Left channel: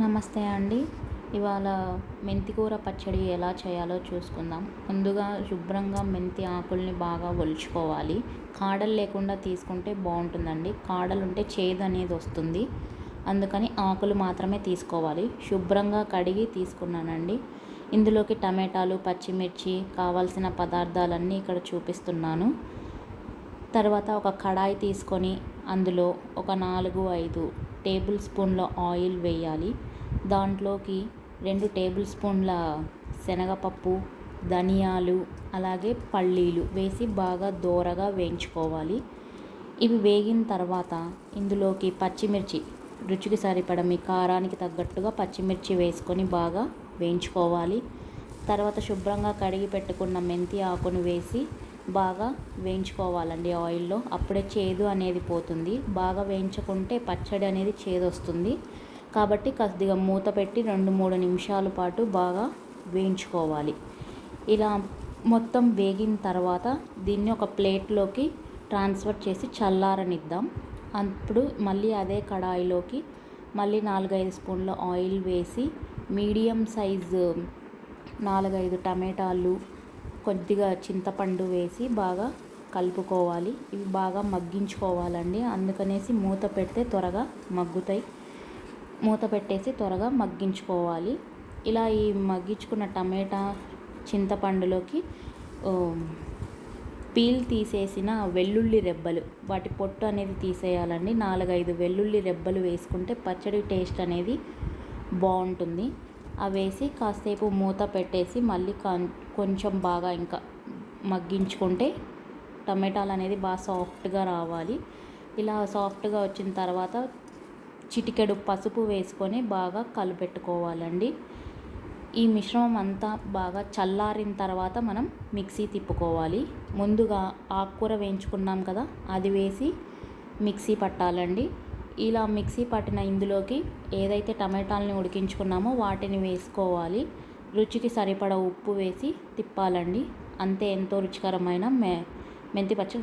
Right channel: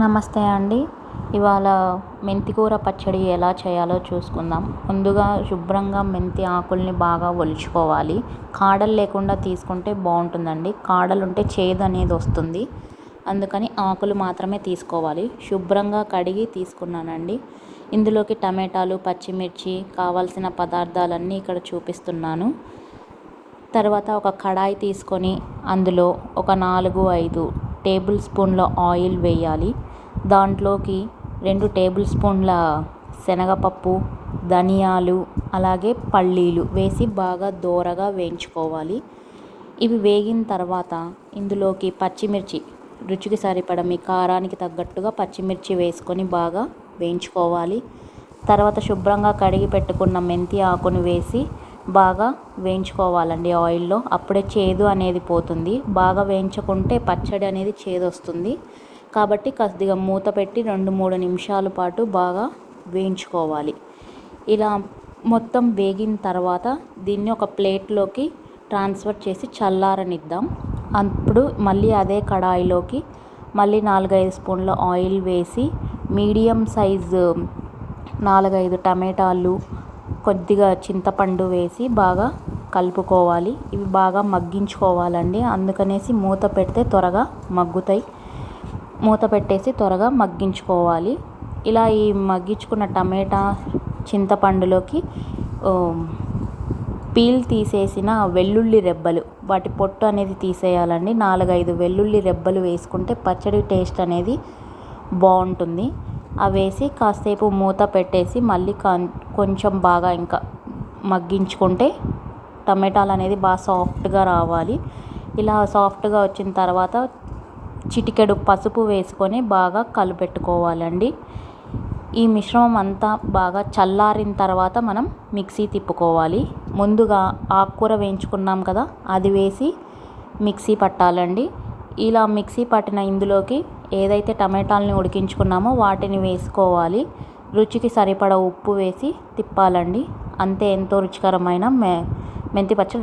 నమస్తే అండి. ఇవాళ మెంతికూర పచ్చడి ఎలా చేయాలో చూసుకుందాం. ముందుగా శుభ్రంగా మెంతి ఆకుల్ని బాగా ఒలుచుకోవాలి. కాడలు లేకుండా తీసుకుంటే బాగుంటుందండి. కాడలు ఉంటే చేదు అనేది వస్తుంది. అందుకని ఆకులు మాత్రమే తీసుకోవాలి. శుభ్రంగా కడిగి తీసుకున్నానండి. ఇందులోకి టమాటాలు, పచ్చిమిర్చి, కావాల్సిన పదార్థాలన్నీ ఇక్కడ చూపిస్తున్నాను. తర్వాత ఒక కడాయి తీసుకొని అందులో ఒక 4-5 టేబుల్ స్పూన్ల ఆయిల్ వేయాలి. దాంట్లోకి 2 టేబుల్ స్పూన్ల శనగపప్పు, ధనియాలు, అలాగే పల్లీలు వేసి బాగా దోరగా వేయించుకోవాలి. ఇవి వేగిన తర్వాత ఇందులోకి పచ్చిమిర్చి, రుచికి సరిపడ మీ కారానికి తగ్గట్టుగా పచ్చిమిర్చి వేసుకొని బాగా వేయించుకోవాలి. తర్వాత శుభ్రంగా కడిగి పెట్టుకున్న మెంతి ఆకుని వేసి బాగా వేయించుకోవాలండి ఆయిల్లో. అప్పుడే చేదు అనేది పోతుంది. బాగా వేయించుకుంటే పచ్చడి అనేది చేదు వస్తుంది. కాబట్టి కొద్దిగా మూత పెట్టి 2-3 నిమిషాల పాటు బాగా వేయించుకోవాలి. ఇలా మొత్తం వేగిన తర్వాత దీన్ని ఒక ప్లేట్లోకి ట్రాన్స్ఫర్ చేసి చల్లారనిద్దాం. అప్పుడు మళ్ళీ అదే కడాయిలోకి మళ్ళీ 4-5 స్పూన్ల ఆయిల్ వేసి మీడియం సైజు 4-5 టమాటాలు, కొద్దిగా చింతపండు వేసి బాగా కలుపుకోవాలి. ఇవి బాగా మగ్గించుకోవాలండి. అందుకనేసి మూత పెడితే త్వరగా మగ్గుతాయి. మూత పెట్టేసి త్వరగా మగ్గించుకోవాలి. ఇలా ఈ మగ్గించుకున్న టమాటా, చింతపండులోకి పీల్ తీసేసిన వెల్లుల్లి రెబ్బలు, వాటి పొట్టు అనేది తీసేయాలండి. 4-5 వెల్లుల్లి రెబ్బలు వేసుకుంటే పచ్చడి టేస్ట్ అనేది బాగుంటుంది. అవి వేసి కాసేపు మూత పెట్టేసి మళ్ళీ కొంచెం బాగా ఇంకా మగ్గించుకుంటే టమాటాలు అనేది బాగా సాఫ్ట్గా రావాలి. ఇలా సాఫ్ట్గా వచ్చిన తర్వాత చిటికెడు పసుపు వేసుకొని బాగా కలిపెట్టుకోవాలండి. ఈ మిశ్రమం అంతా బాగా చల్లారిన తర్వాత మనం మిక్సీ తిప్పుకోవాలి. ముందుగా ఆకుకూర వేయించుకున్నాం కదా, అది వేసి మిక్సీ పట్టాలండి. ఇలా మిక్సీ పట్టిన ఇందులోకి ఏదైతే టమాటాలని ఉడికించుకున్నామో వాటిని వేసుకోవాలి. రుచికి సరిపడ ఉప్పు వేసి తిప్పాలండి. అంతే, ఎంతో రుచికరమైన మెంతి పచ్చడి.